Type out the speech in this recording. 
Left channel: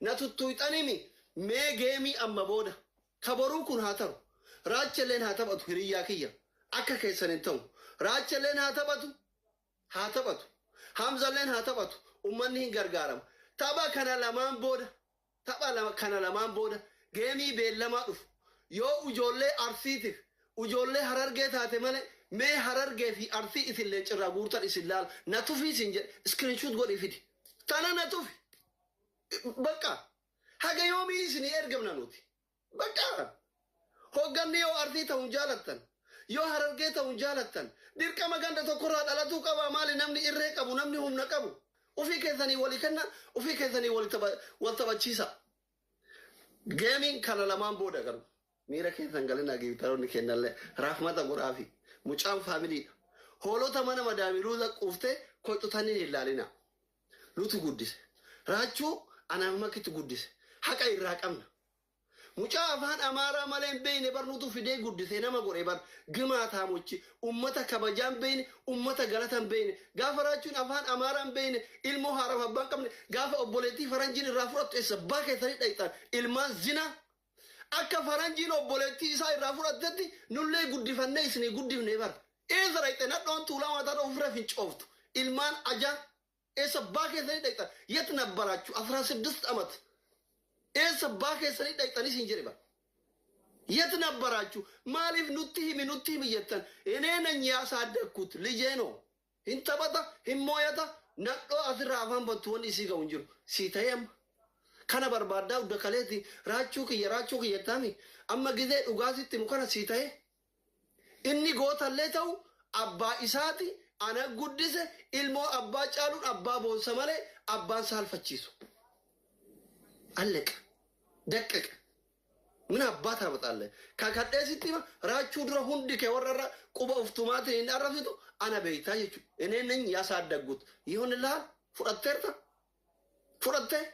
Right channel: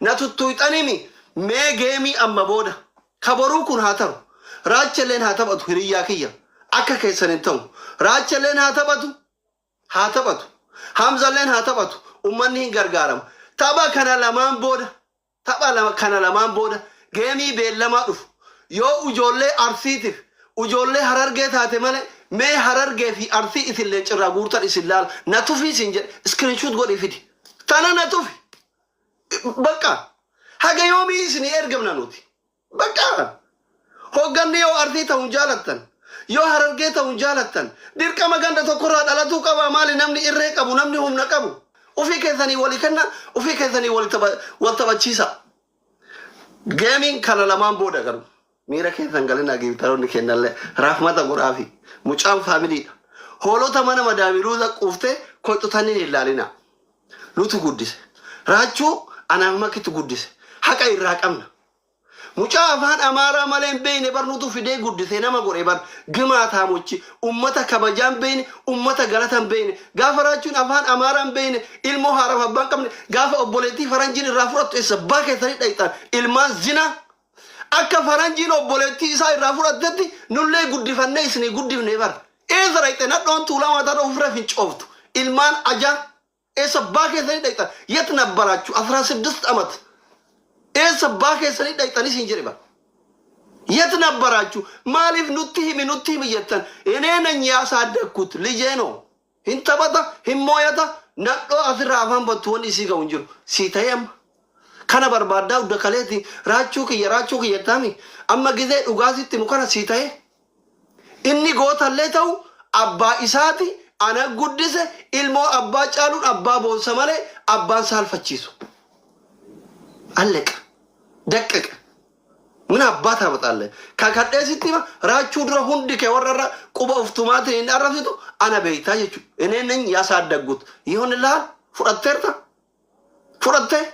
natuttuuxanimi mee geemii amma booda kaboruu kun haa ta'u raachalleen haa taphatu hiriyyaa kiyya akka keessan hin ta'u raachalleen haa taphatu hamzalleen haa taphatu ummanni hin gargaaramu tapha kana lamaan booda geemii beellamaa dhufu yoo ijoollee arsiitiif ijoollee harargee taate malee mee harargee fi arsii isillee cirraa guurtan isin laala na tufii isin jedhe iskiriinshuut godhi fidi tana na tufi bakka haga yoomii isinii ergamna nuti bakka hogganni yoo arsii ta'uun jaalattan yoo harargee ta'uun jaalattan dirqama ganda tokkorraa dhalatuu qaba maali namni irree qabu namni humna qabu ufii keessanii walii kenna ufii keessanii wal taphachiisa geemiin kana lamaan booda garu miira keessan galina giiftaroonni kennallee raafmata godhaafi mucaan faamiliidha hoolota mana madaamiruuza quuftee koxxutanii hin ilaalina nutu guddise raachuu anaaf makkitti guddise haqa irraa qabna mucaa afaan amaaraa malee hin beeyne barnuutu fidee guddise nama godhe bar gimaa taamochi ummata kabajaan beeyne ummata galatan beeyne gaafa raachuun afaan amaaraa hin beeyne ilmoo haaraaf abbaan qabne gaafa obboleettii faranjiin irraa fudhattu eessa baa keessanii dhayxan ilmaan zina akka faranjiin obboleettii isaa irraa fudhattetti nullee guddifannee isinii guddifne bar eessa dhayxe nadhoon tuulaa mataa ofirra fincooftu ilmaan ajaa eessa baa keessanii dhayxan yet nabbaraachuu 16 amat eessa baa keessanii dhayxanii siin jedhe bar yet nabbaraachuu maaliif nutti himi jettan eneena nyaasaa dekkut lijeeno hin taphata hin mooyata nadhoo asirraa afaan battu wanni isii ga'u hin jiru sii ta'e amma kana barbaaddaa udda kaleeti raachuu kiyya taami amma gizee dhugaasitti mukana sii ta'e inni gootallee ta'u abbaa isaati ana guddise ilmoo abbaa caaluun abbaa boonsa malee abbaan saalfachiisu alleqa daqqaqa min abbaa taaphaxaalle kakadheesitti raachuu dura hundi kee warrarra quba uftumaatiin hin arrasitu ana beeytaa jechuudha. Ineen yaasaa addagguut yoon ilaal fudhatteerta fudhattee